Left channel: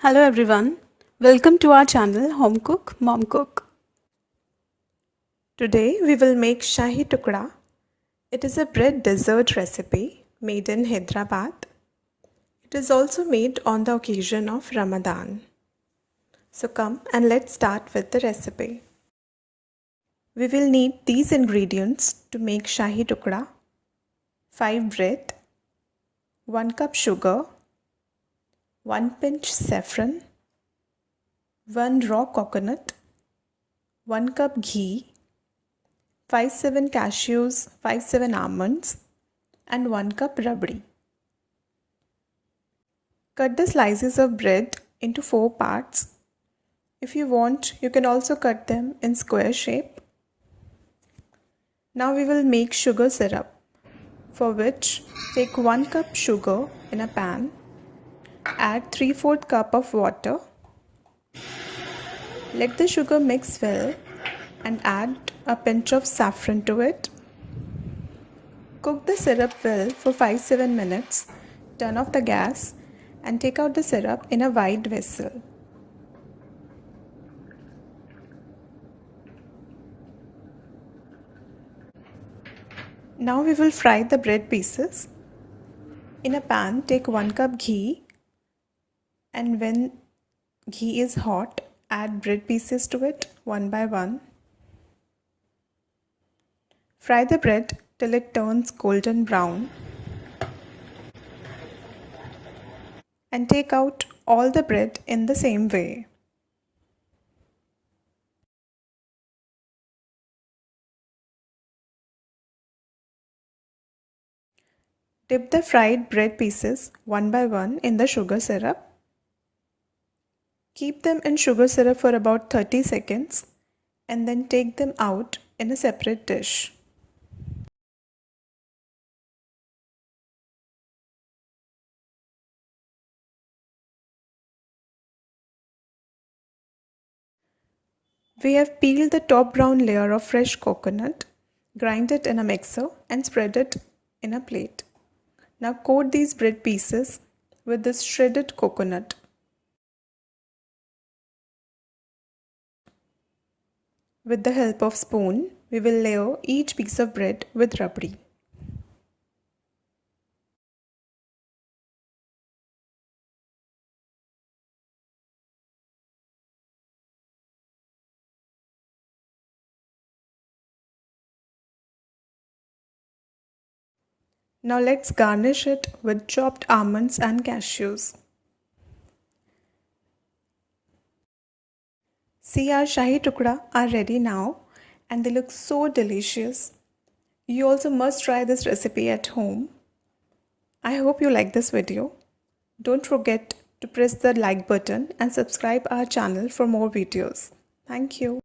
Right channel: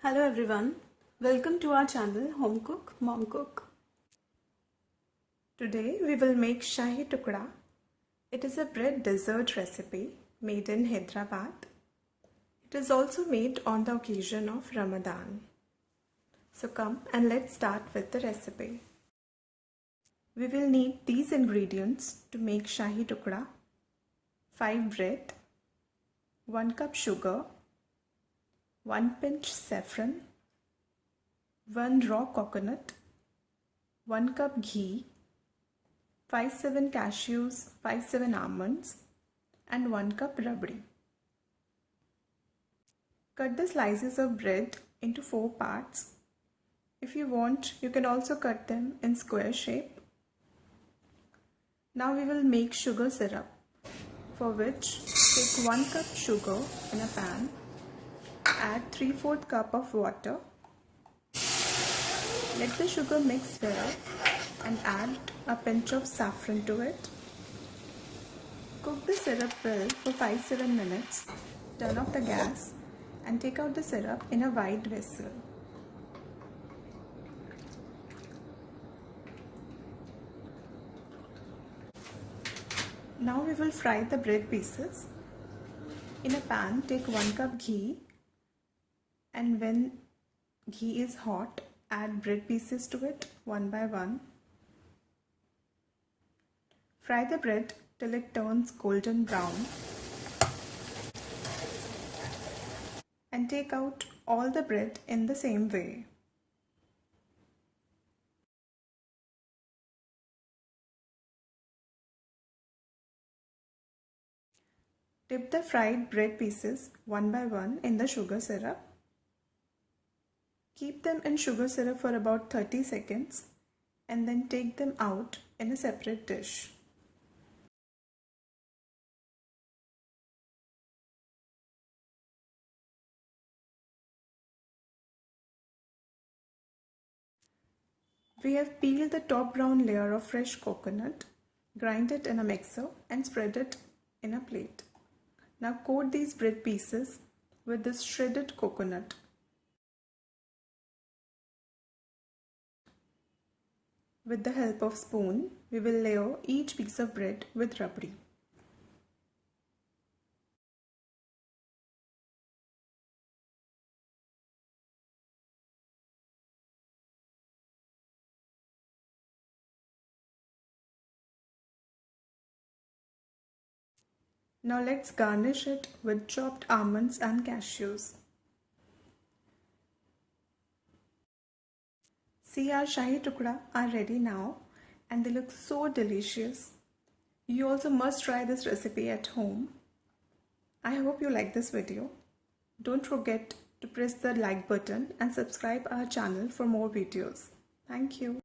Hello everyone, welcome to our channel Home Cook Mom Cook. Today we will make Shahi Tukda. It is a bread dessert recipe made in Hyderabad. It is also made on the occasion of Ramadan. So come and let's start with the recipe. We will need these ingredients to make Shahi Tukda: 5 bread, 1 cup sugar, 1 pinch saffron, 1 raw coconut, 1 cup ghee, 5-7 cashews, 5-7 almonds, and 1 cup rabri. Cut the slices of bread into 4 parts. If you want, you can also cut them in square shape. Now we will make sugar syrup, for which take 1 cup sugar in a pan, add 3/4 cup of water. Let the sugar mix well and add a pinch of saffron to it. Cook the syrup well for 5-7 minutes. Turn off the gas and take out the syrup in a wide vessel. Now we will fry the bread pieces. In a pan, take 1 cup ghee, and when ghee is hot, add bread pieces to it one by one. Fry the bread till it turns golden brown and take out all the bread in the same way. Dip the fried bread pieces one by one in the sugar syrup. Keep them in sugar syrup for about 30 seconds and then take them out in a separate dish. We have peeled the top brown layer of fresh coconut, grind it in a mixer and spread it in a plate. Now coat these bread pieces with this shredded coconut. With the help of spoon, we will layer each piece of bread with rabri. Now let's garnish it with chopped almonds and cashews. See, our Shahi Tukda are ready now and they look so delicious. You also must try this recipe at home. I hope you like this video. Don't forget to press the like button and subscribe our channel for more videos. Thank you.